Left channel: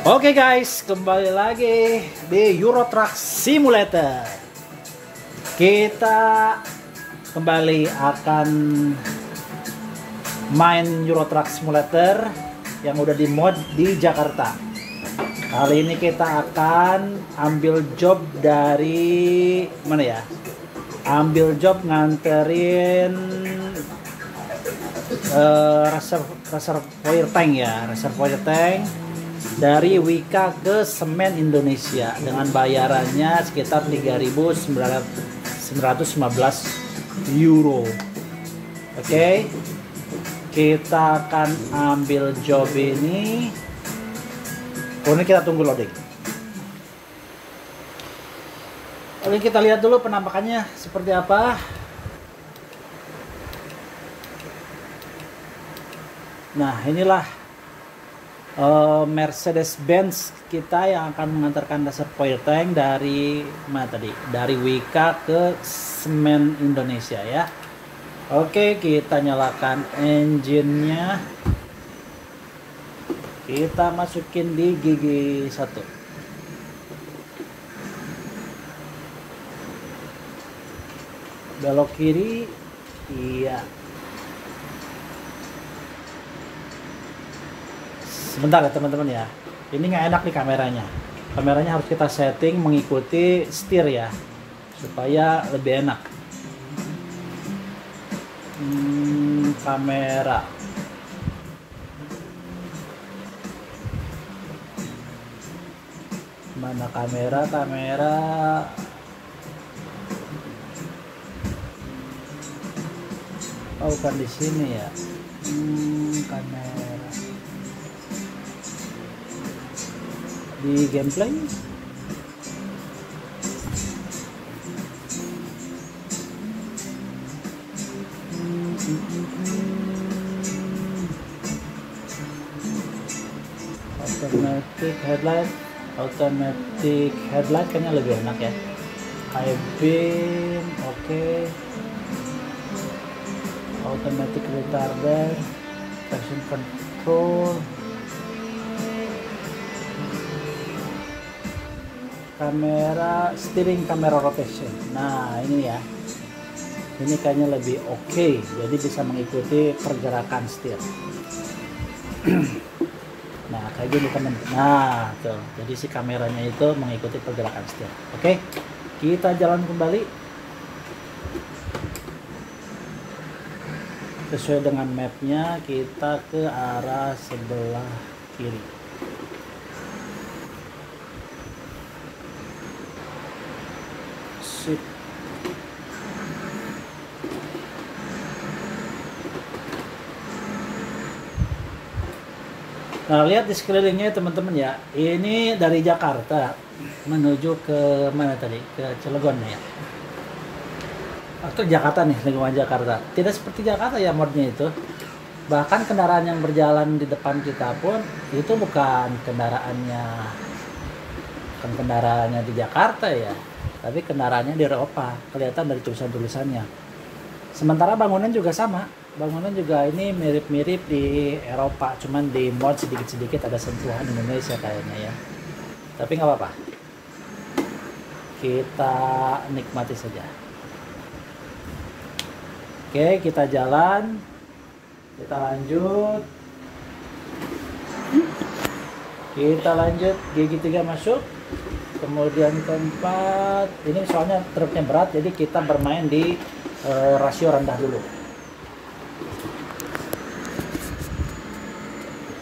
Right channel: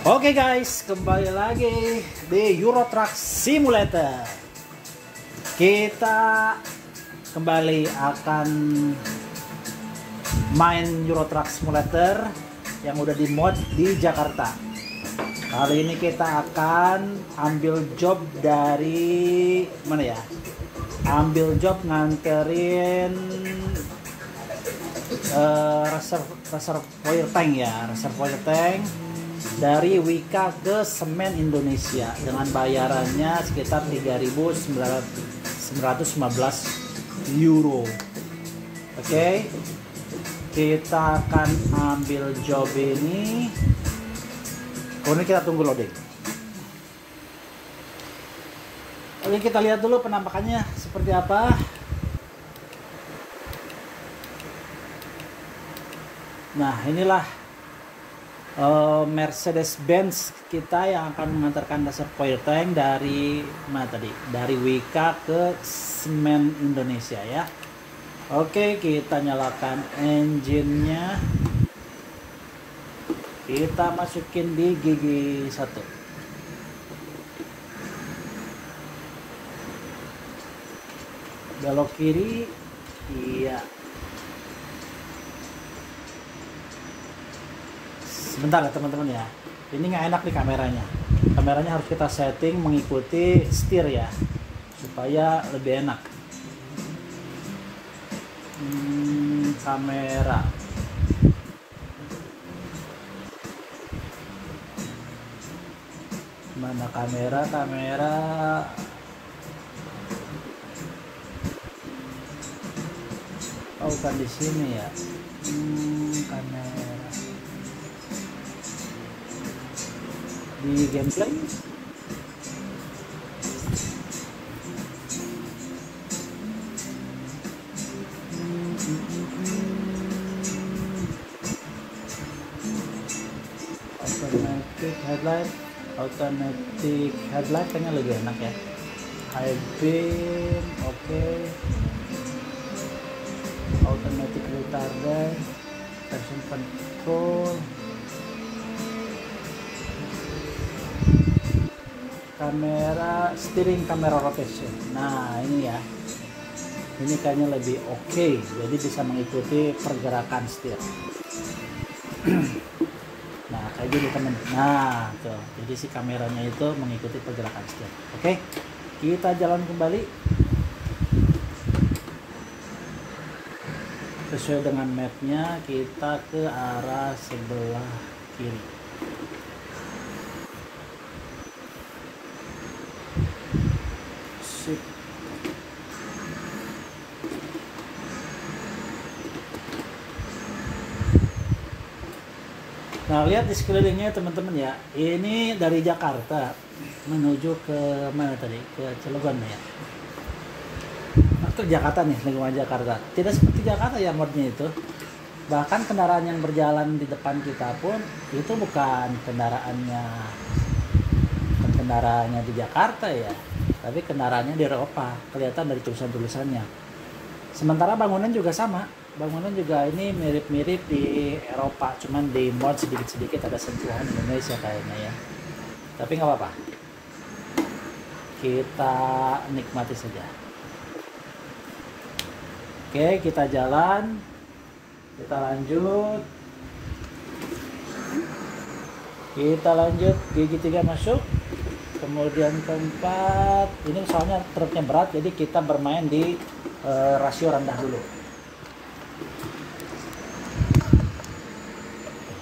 Oke guys, kembali lagi di Euro Truck Simulator. Kita kembali akan main Euro Truck Simulator yang udah di mod di Jakarta. Kali ini kita akan ambil job dari mana ya? Ambil job nganterin reservoir tank ya, reservoir tank dari Wika ke Semen Indonesia dengan bayarannya sekitar 3.915 euro. Oke, kita akan ambil job ini. Kemudian kita tunggu loading. Oke, kita lihat dulu penampakannya seperti apa. Nah, inilah Mercedes-Benz kita yang akan mengantarkan reservoir tank dari mana tadi? Dari Wika ke Semen Indonesia ya. Oke, kita nyalakan engine-nya. Kita masukin di gigi 1. Belok kiri. Iya. Sebentar ya teman-teman ya, ini nggak enak nih kameranya. Kameranya harus kita setting mengikuti setir ya, supaya lebih enak. Kamera. Mana kamera? Kamera. Oh, bukan di sini ya. Kamera. Di gameplay automatic headlight kayaknya lebih enak ya. High beam, oke. Automatic retarder, traction control, kamera, steering kamera rotation. Nah ini ya, ini kayaknya lebih oke, jadi bisa mengikuti pergerakan setir. Nah kayak gini teman. Nah tuh, jadi si kameranya itu mengikuti pergerakan setir. Oke, kita jalan kembali sesuai dengan mapnya. Kita ke arah sebelah kiri. Nah, lihat di sekelilingnya teman-teman ya. Ini dari Jakarta menuju ke mana tadi? Ke Cilegon ya. Atau Jakarta nih, lingkungan Jakarta. Tidak seperti Jakarta ya modnya itu. Bahkan kendaraan yang berjalan di depan kita pun itu bukan kendaraannya di Jakarta ya. Tapi kendaraannya di Eropa. Kelihatan dari tulisan-tulisannya. Sementara bangunan juga sama. Bangunan juga ini mirip-mirip di Eropa, cuman di mod sedikit-sedikit ada sentuhan Indonesia kayaknya ya. Tapi nggak apa-apa, kita nikmati saja. Oke, kita jalan, kita lanjut, gigi 3 masuk, kemudian keempat. Ini soalnya truknya berat, jadi kita bermain di rasio rendah dulu.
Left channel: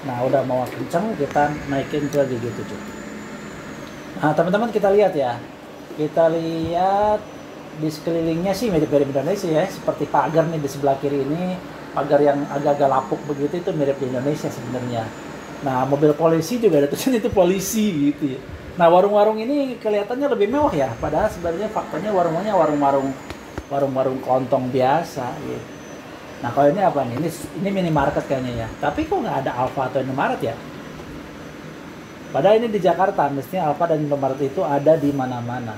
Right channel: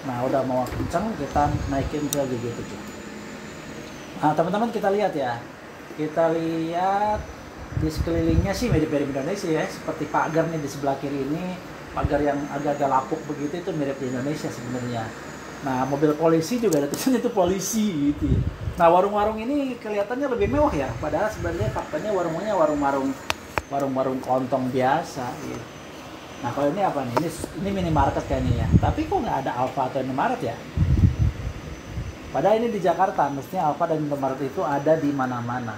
Nah udah mau kenceng, kita naikin ke gigi 7. Nah teman-teman kita lihat ya, kita lihat di sekelilingnya sih mirip-mirip Indonesia ya. Seperti pagar nih di sebelah kiri ini, pagar yang agak-agak lapuk begitu, itu mirip di Indonesia sebenarnya. Nah mobil polisi juga ada tulisan itu polisi gitu ya. Nah warung-warung ini kelihatannya lebih mewah ya, padahal sebenarnya faktanya warung-warungnya warung-warung kelontong biasa gitu. Nah kalau ini apa nih? Ini minimarket kayaknya ya. Tapi kok nggak ada Alfa atau Indomaret ya? Padahal ini di Jakarta, mestinya Alfa dan Indomaret itu ada di mana-mana.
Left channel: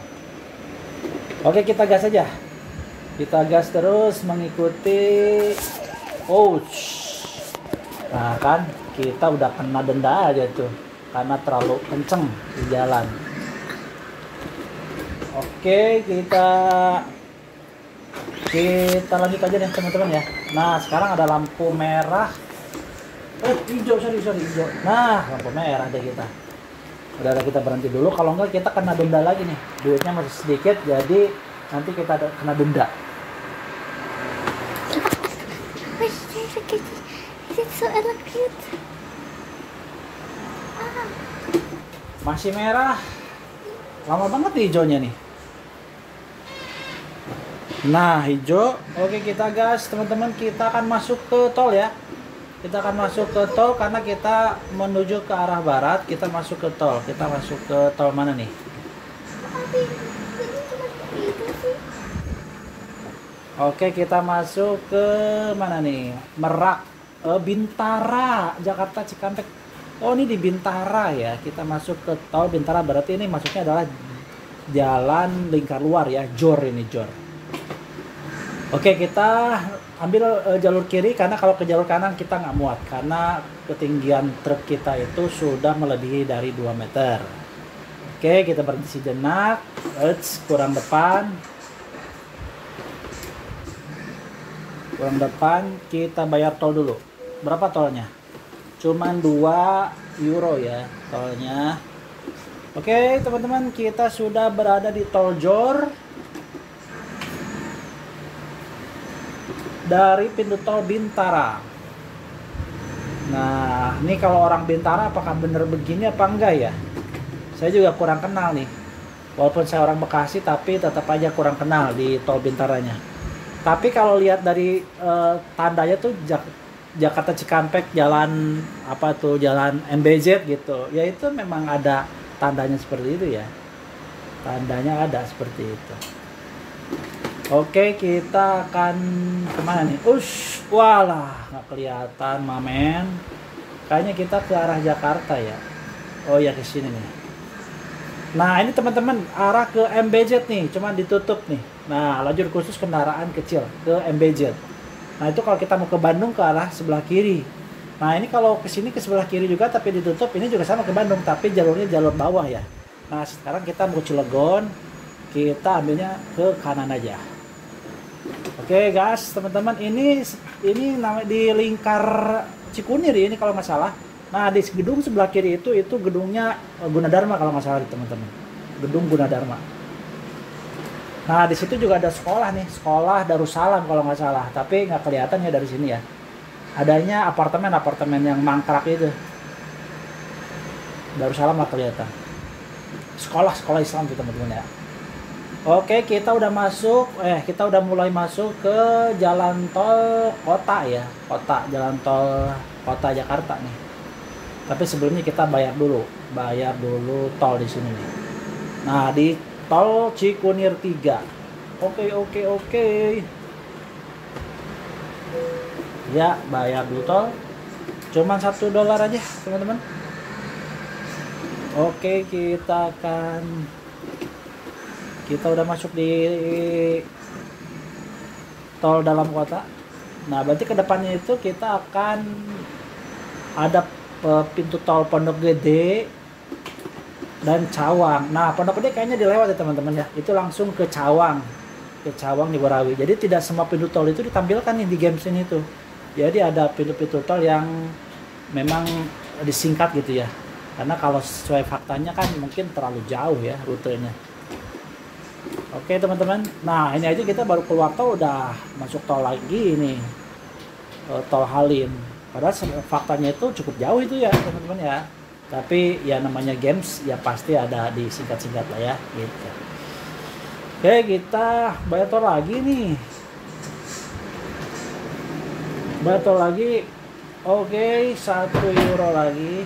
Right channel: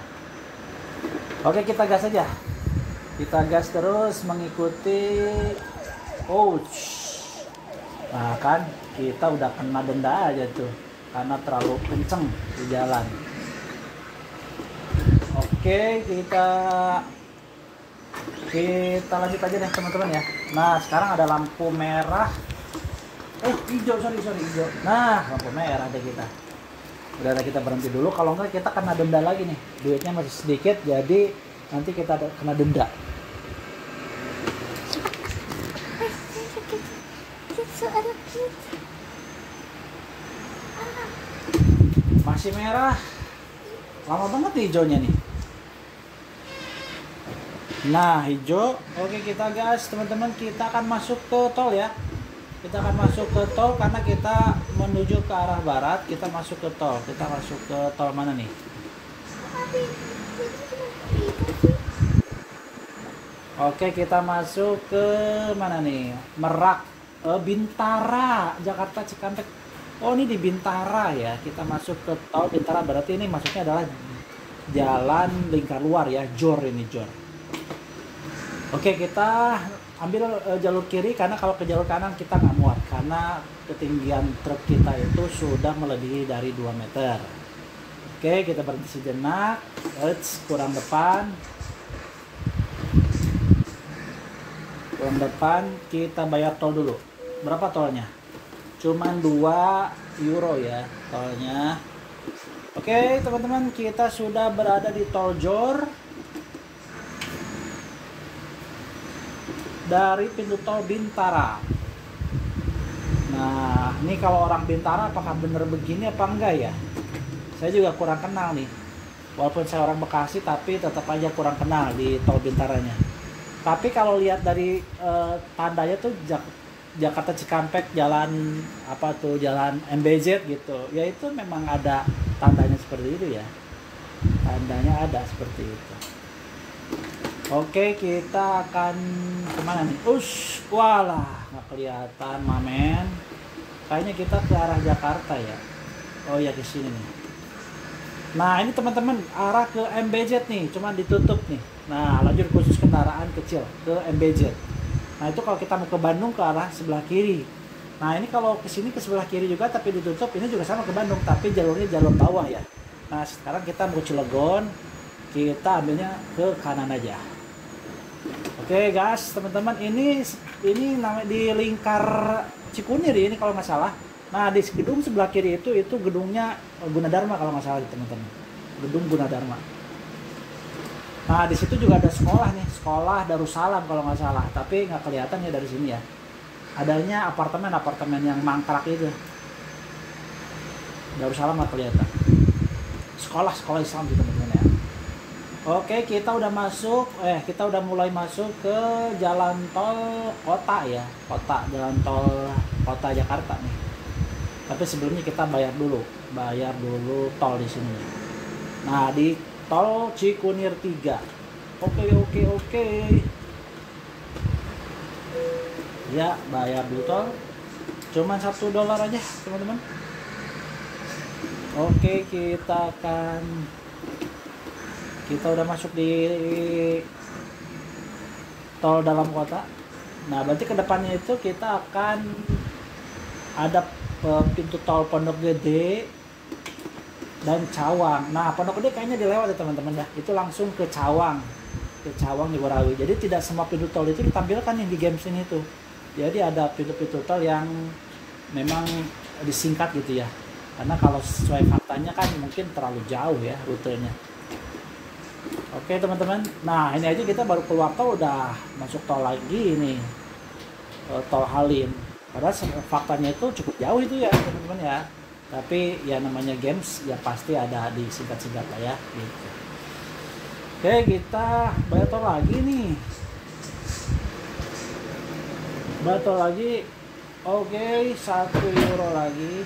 Oke, kita gas aja. Kita gas terus mengikuti. Ouch. Nah kan, kita udah kena denda aja tuh. karena terlalu kenceng di jalan. Oke, kita lanjut aja deh teman-teman ya. Nah, sekarang ada lampu merah. Hijau, sorry hijau. Nah, lampu merah deh kita. Udah kita berhenti dulu, kalau enggak kita kena denda lagi nih. Duitnya masih sedikit, jadi nanti kita kena denda. Masih merah. Lama banget nih hijaunya nih. Nah, hijau. Oke, kita gas teman-teman, kita akan masuk ke tol ya. Kita akan masuk ke tol karena kita menuju ke arah barat. Kita masuk ke tol. Kita masuk ke tol mana nih? Oke, kita masuk ke mana nih? Merak, Bintara, Jakarta Cikampek. Oh, ini di Bintara ya. Kita masuk ke tol Bintara, berarti ini masuknya adalah jalan lingkar luar ya, Jor ini, Jor. Oke, kita ambil jalur kiri karena kalau ke jalur kanan kita nggak muat karena ketinggian truk kita itu sudah melebihi dari 2 meter. Oke, kita berhenti sejenak. Kurang depan. Kurang depan, kita bayar tol dulu. Berapa tolnya? Cuman 2 euro ya tolnya. Oke, teman-teman, kita sudah berada di tol Jor. Dari pintu tol Bintara. Nah, ini kalau orang Bintara apakah bener begini apa enggak ya? Saya juga kurang kenal nih. Walaupun saya orang Bekasi, tapi tetap aja kurang kenal di tol Bintaranya. Tapi kalau lihat dari tandanya tuh Jakarta Cikampek, jalan apa tuh, jalan MBZ gitu. Ya itu memang ada tandanya seperti itu ya. Tandanya ada seperti itu. Oke, kita akan kemana nih? Walah, nggak kelihatan, mamen. Kayaknya kita ke arah Jakarta ya. Oh ya, ke sini nih. Nah, ini teman-teman arah ke MBZ nih, cuman ditutup nih. Nah, lajur khusus kendaraan kecil ke MBZ. Nah, itu kalau kita mau ke Bandung ke arah sebelah kiri. Nah, ini kalau ke sini ke sebelah kiri juga tapi ditutup, ini juga sama ke Bandung, tapi jalurnya jalur bawah ya. Nah, sekarang kita mau ke Cilegon, kita ambilnya ke kanan aja. Oke guys, teman-teman, ini di lingkar Cikunir ini kalau nggak salah. Nah, di gedung sebelah kiri itu gedungnya Gunadarma kalau nggak salah, teman-teman. Gedung Gunadarma. Nah, di situ juga ada sekolah nih, sekolah Darussalam kalau nggak salah, tapi nggak kelihatan ya dari sini ya. Adanya apartemen yang mangkrak itu. Darussalam nggak kelihatan. Sekolah Islam tuh teman-teman ya. Oke, kita udah mulai masuk ke jalan tol kota ya, jalan tol kota Jakarta nih. Tapi sebelumnya kita bayar dulu tol di sini nih. Nah, di tol Cikunir 3. Oke. Ya, bayar dulu tol. Cuman $1 aja, teman-teman. Oke, kita udah masuk di tol dalam kota. Nah, berarti ke depannya itu kita akan ada pintu tol Pondok Gede dan Cawang. Nah, Pondok Gede kayaknya dilewat ya teman-teman ya. Itu langsung ke Cawang di Borawi. Jadi tidak semua pintu tol itu ditampilkan nih di games ini tuh. Jadi ada pintu-pintu tol yang memang disingkat gitu ya. Karena kalau sesuai faktanya kan mungkin terlalu jauh ya rutenya. Oke teman-teman, nah ini aja kita baru keluar tol udah masuk tol lagi ini, tol Halim. Padahal faktanya itu cukup jauh itu ya teman-teman ya. Tapi ya namanya games ya pasti ada disingkat-singkat lah ya gitu. Oke, kita bayar tol lagi nih. Bayar tol lagi. Oke, €1 lagi.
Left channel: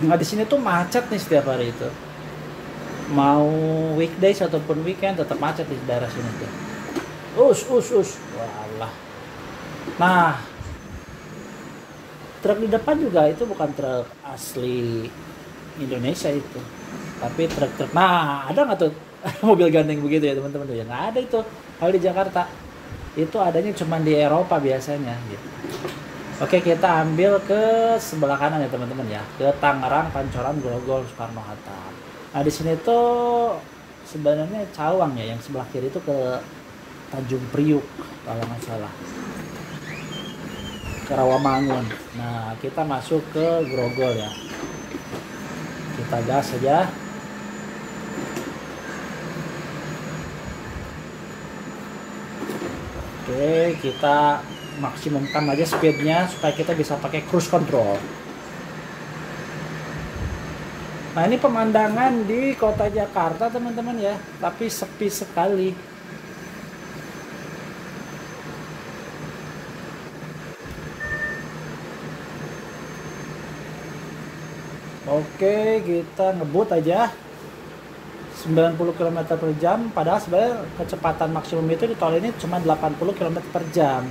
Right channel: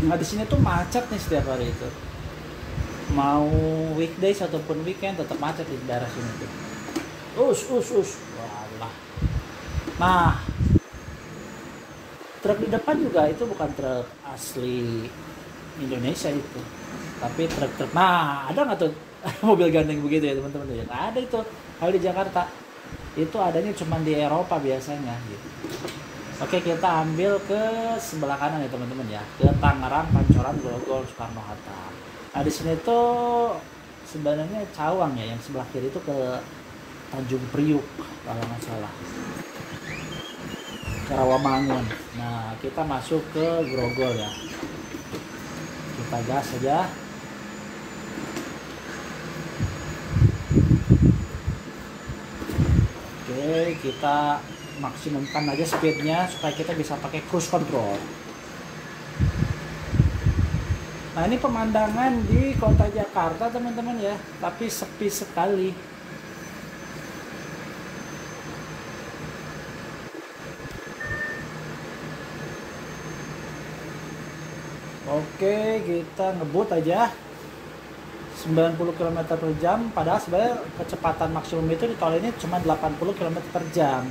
Nah, di sini tuh macet nih setiap hari itu. Mau weekdays ataupun weekend tetap macet di daerah sini tuh. Walah. Nah, truk di depan juga itu bukan truk asli Indonesia itu, tapi truk. Nah, ada nggak tuh mobil gandeng begitu ya teman-teman? Ya nggak ada itu. Kalau di Jakarta itu adanya cuma di Eropa biasanya gitu. Oke, kita ambil ke sebelah kanan ya teman-teman ya, ke Tangerang, Pancoran, Grogol, Soekarno Hatta. Nah di sini tuh sebenarnya Cawang ya, yang sebelah kiri itu ke Tanjung Priuk kalau nggak salah, ke Rawamangun. Nah kita masuk ke Grogol ya, kita gas saja. Oke, kita maksimumkan aja speednya supaya kita bisa pakai cruise control. Nah ini pemandangan di kota Jakarta teman-teman ya, tapi sepi sekali. Oke, kita ngebut aja 90 km per jam, padahal sebenarnya kecepatan maksimum itu di tol ini cuma 80 km per jam.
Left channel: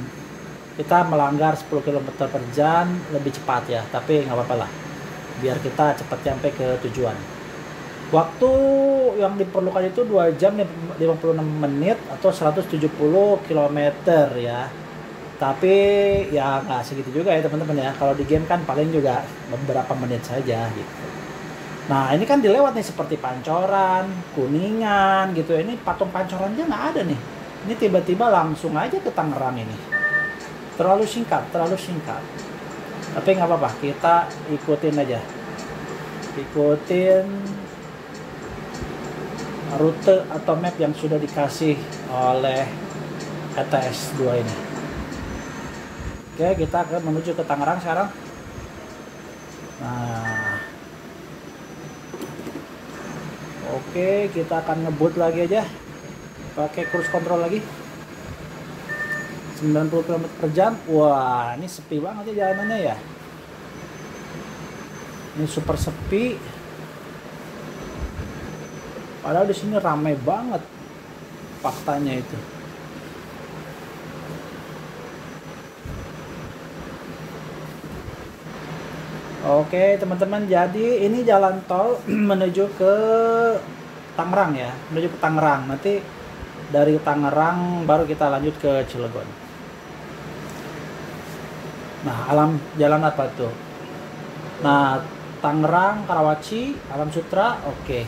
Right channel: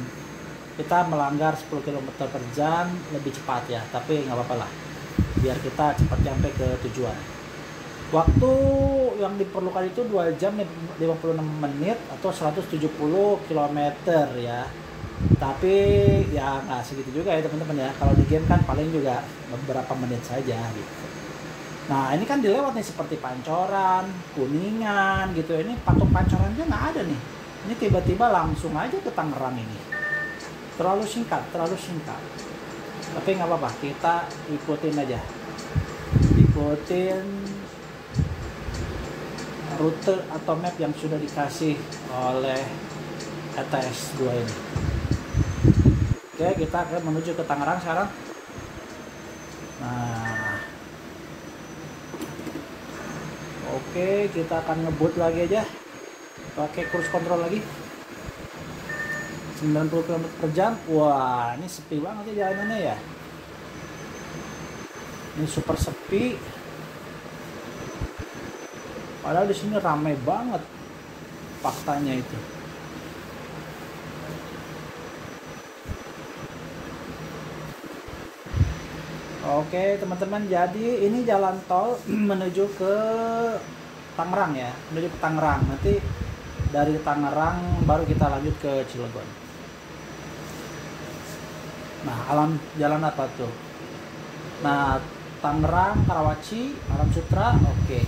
Kita melanggar 10 km per jam lebih cepat ya, tapi nggak apa-apa lah, biar kita cepat sampai ke tujuan. Waktu yang diperlukan itu 2 jam 56 menit atau 170 km ya. Tapi ya nggak segitu juga ya teman-teman ya. Kalau di game kan paling juga beberapa menit saja gitu. Nah ini kan dilewat nih seperti Pancoran, Kuningan gitu. Ini patung Pancoran dia nggak ada nih. Ini tiba-tiba langsung aja ke Tangerang ini. Terlalu singkat, terlalu singkat. Tapi nggak apa-apa, kita ikutin aja. Ikutin rute atau map yang sudah dikasih oleh ETS 2 ini. Oke, kita akan menuju ke Tangerang sekarang. Nah, oke, kita akan ngebut lagi aja, pakai cruise control lagi 90 km per jam. Wah, ini sepi banget ya jalanannya ya. Ini super sepi. Padahal di sini ramai banget faktanya itu. Oke teman-teman, jadi ini jalan tol menuju ke Tangerang ya, menuju ke Tangerang. Nanti dari Tangerang baru kita lanjut ke Cilegon. Nah, jalan apa tuh? Nah, Tangerang, Karawaci, Alam Sutra, oke.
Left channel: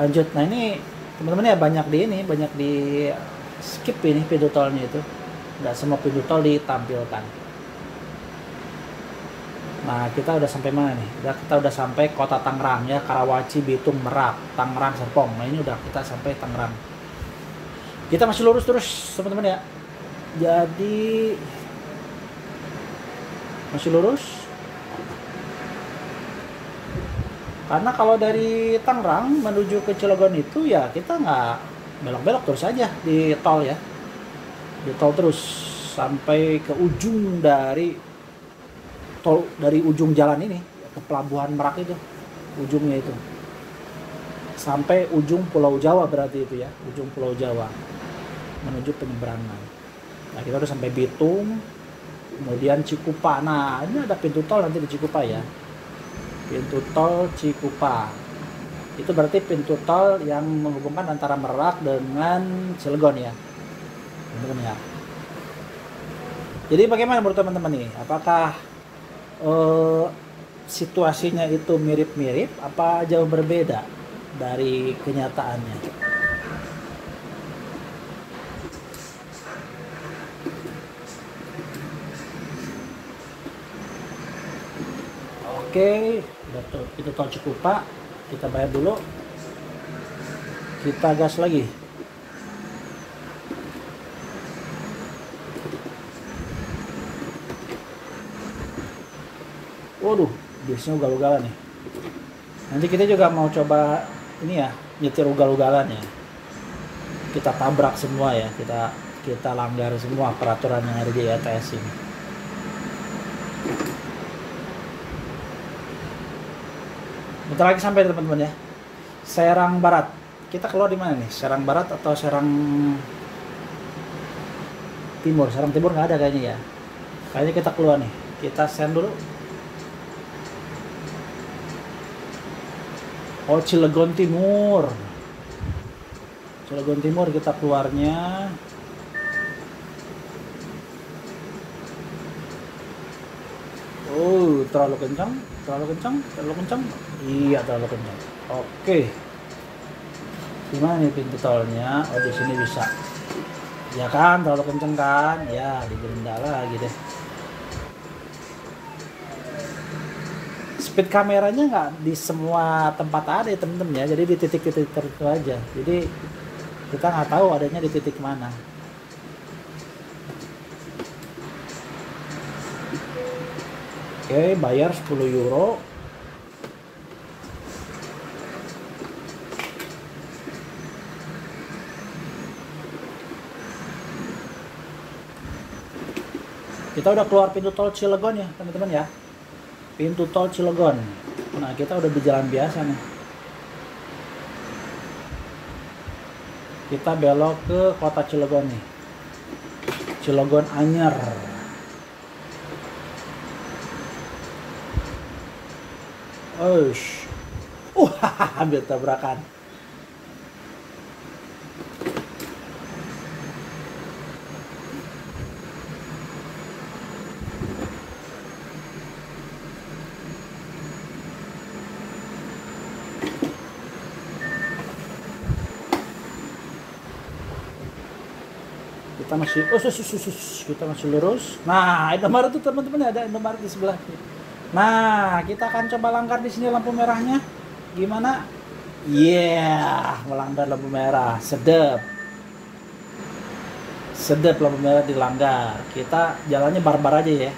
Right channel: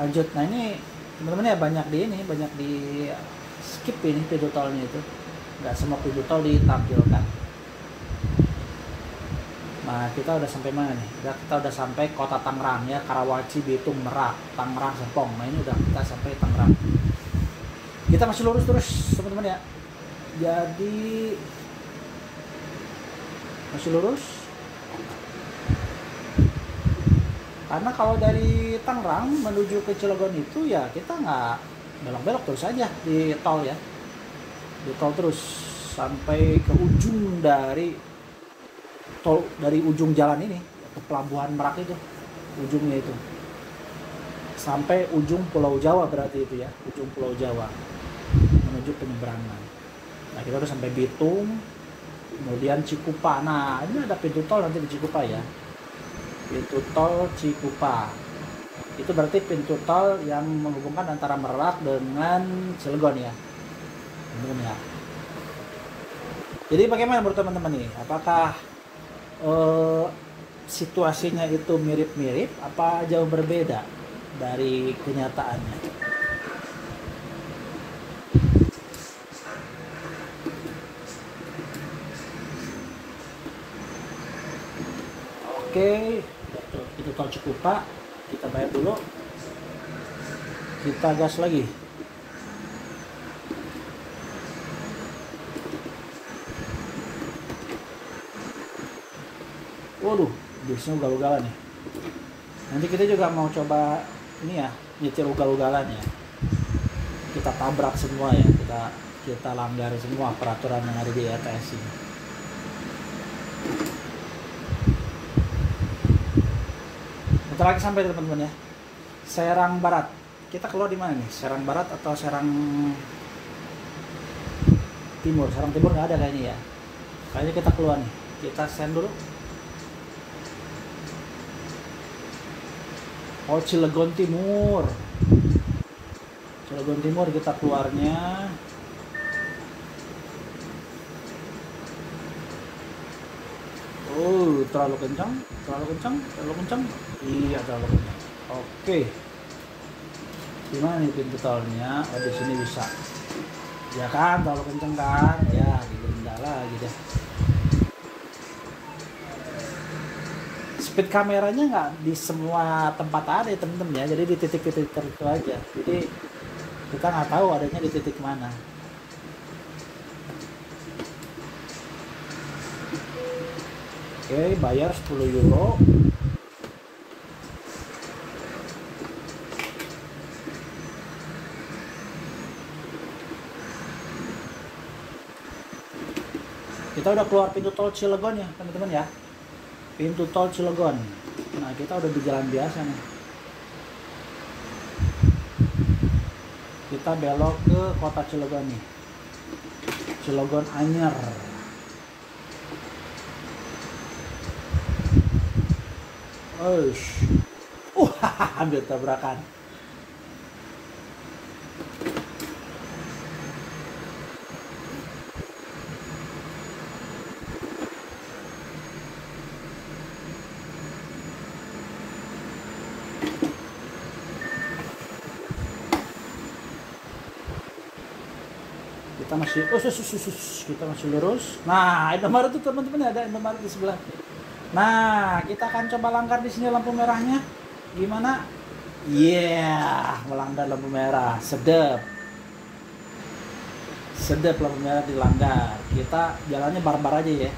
Lanjut. Nah ini teman-teman ya, banyak di skip ini pintu tolnya itu. Nggak semua pintu tol ditampilkan. Nah kita udah sampai mana nih? Kita udah sampai kota Tangerang ya, Karawaci, Bitung, Merak, Tangerang, Serpong. Nah ini udah kita sampai Tangerang. Kita masih lurus terus teman-teman ya. Jadi masih lurus. Karena kalau dari Tangerang menuju ke Cilegon itu ya kita nggak belok-belok terus aja di tol ya. Di tol terus sampai ke ujung dari tol, dari ujung jalan ini ke pelabuhan Merak itu, ujungnya itu sampai ujung Pulau Jawa, berarti itu ya, ujung Pulau Jawa menuju penyeberangan. Nah kita udah sampai Bitung, kemudian Cikupa. Nah ini ada pintu tol nanti di Cikupa ya, pintu tol Cikupa itu berarti pintu tol yang menghubungkan antara Merak dengan Cilegon ya teman-teman ya. Jadi bagaimana menurut teman-teman nih, apakah situasinya itu mirip-mirip apa jauh berbeda dari kenyataannya? Oke, itu tol Cikupa, kita bayar dulu, kita gas lagi. Waduh, biasanya ugal-ugalan nih. Nanti kita juga mau coba ini ya, nyetir ugal-ugalan ya. Kita tabrak semua ya, kita langgar semua peraturan yang ada di ETS ini. Bentar lagi sampai teman-teman ya. Serang Barat. Kita keluar di mana nih? Serang Barat atau Serang Timur? Serang Timur nggak ada kayaknya ya. Kayaknya kita keluar nih. Kita send dulu. Oh, Cilegon Timur. Cilegon Timur kita keluarnya. Oh, terlalu kencang, terlalu kencang, terlalu kencang. Iya, terlalu kencang. Oke. Gimana nih pintu tolnya? Oh, di sini bisa. Ya kan, terlalu kencang kan? Ya, digerinda lagi deh. Speed kameranya nggak di semua tempat ada ya temen-temen ya. Jadi di titik-titik tertentu aja. Jadi kita nggak tahu adanya di titik mana. Oke, bayar 10 euro. Kita udah keluar pintu tol Cilegon ya teman-teman ya. Pintu tol Cilegon. Nah, kita udah di jalan biasa nih. Kita belok ke kota Cilegon nih. Cilegon Anyar. Oish. Hampir tabrakan. Kita masih lurus. Nah, Indomaret tuh teman-teman, ada Indomaret di sebelah. Nah, kita akan coba langgar di sini lampu merahnya. Gimana? Yeah, melanggar lampu merah. Sedap. Sedap lampu merah dilanggar. Kita jalannya barbar aja ya.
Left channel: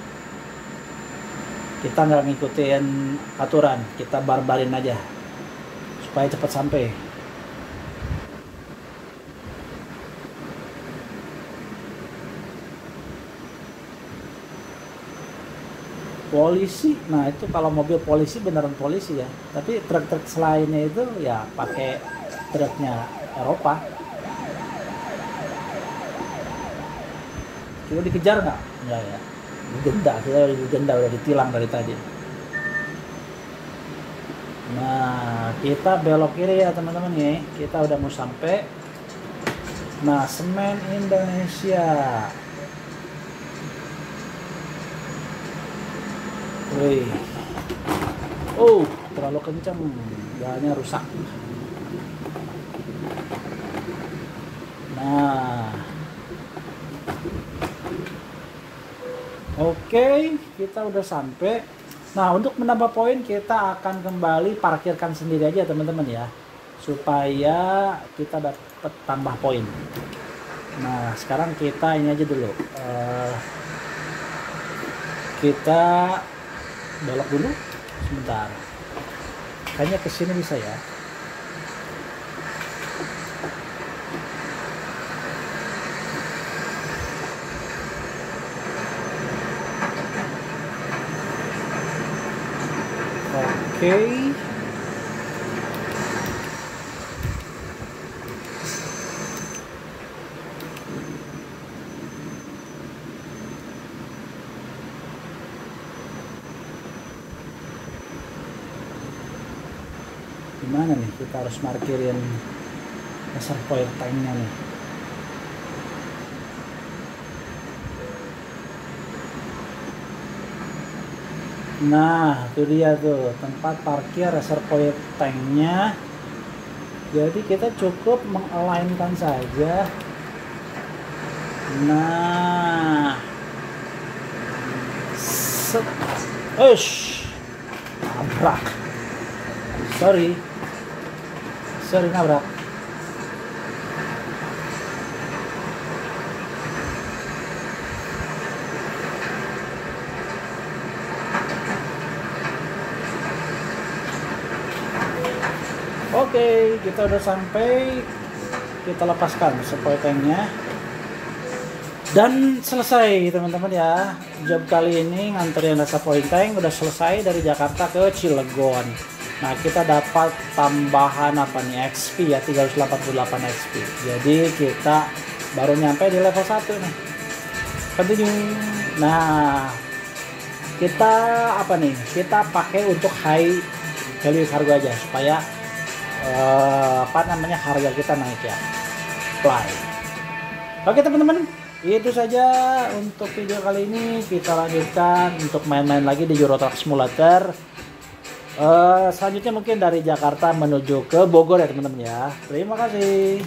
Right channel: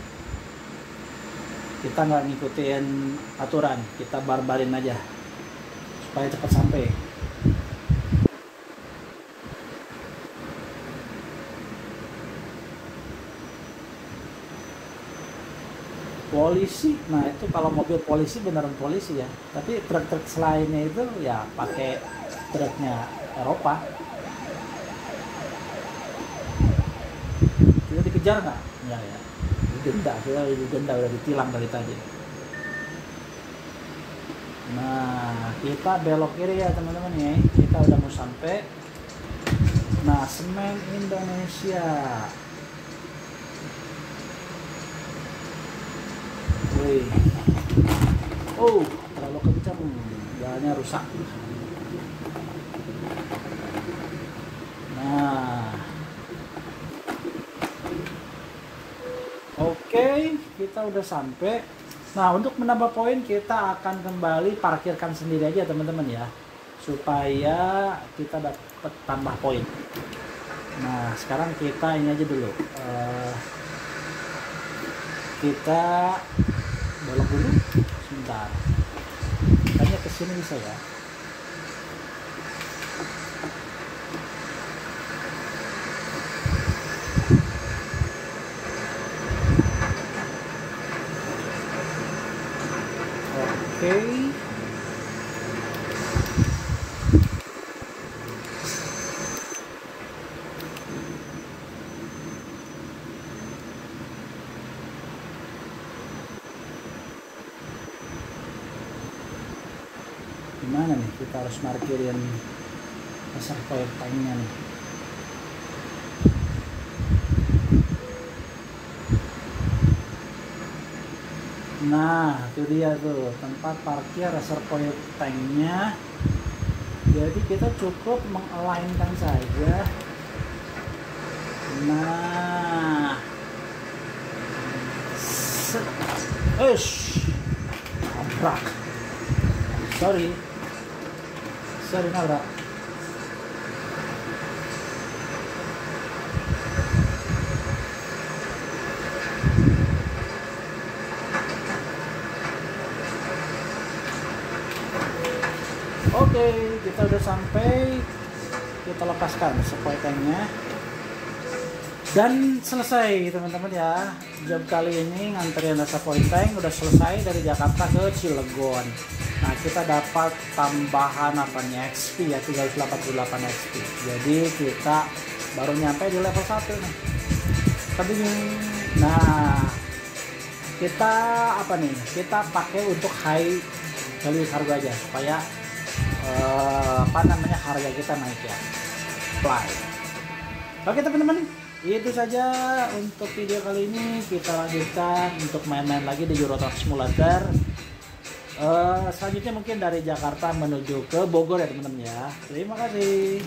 Kita nggak ngikutin aturan, kita barbarin aja supaya cepat sampai. Polisi, nah itu kalau mobil polisi beneran polisi ya, tapi truk-truk selainnya itu ya pakai truknya Eropa. Kita dikejar nggak? Enggak ya, digenda, kita udah digenda, udah ditilang dari tadi. Nah, kita belok kiri ya teman-teman ya, kita udah mau sampai. Nah, Semen Indonesia. Wih. Oh, terlalu kencang, jalannya rusak. Nah, oke, kita udah sampai. Nah, untuk menambah poin kita akan kembali parkirkan sendiri aja teman-teman ya, supaya kita dapat tambah poin. Nah, sekarang kita ini aja dulu. Kita belok dulu sebentar. Kayaknya kesini bisa ya. Oke. Gimana nih, kita harus markirin reservoir tanknya nih. Nah, itu dia tuh tempat parkir reservoir tanknya. Jadi kita cukup mengalainkan saja. Nah, nabrak. Sorry nabrak. Oke, kita udah sampai. Kita lepaskan supply tanknya dan selesai teman-teman ya. Job kali ini nganterin supply tank udah selesai dari Jakarta ke Cilegon. Nah, kita dapat tambahan apa nih, XP ya, 388 XP. Jadi kita baru nyampe di level 1 nih. Continue. Nah, kita apa nih, kita pakai untuk high value cargo aja supaya harga kita naik ya. Fly. Oke teman-teman, Itu saja untuk video kali ini. Kita lanjutkan untuk main-main lagi di Euro Truck Simulator. Selanjutnya mungkin dari Jakarta menuju ke Bogor ya teman-teman ya. Terima kasih.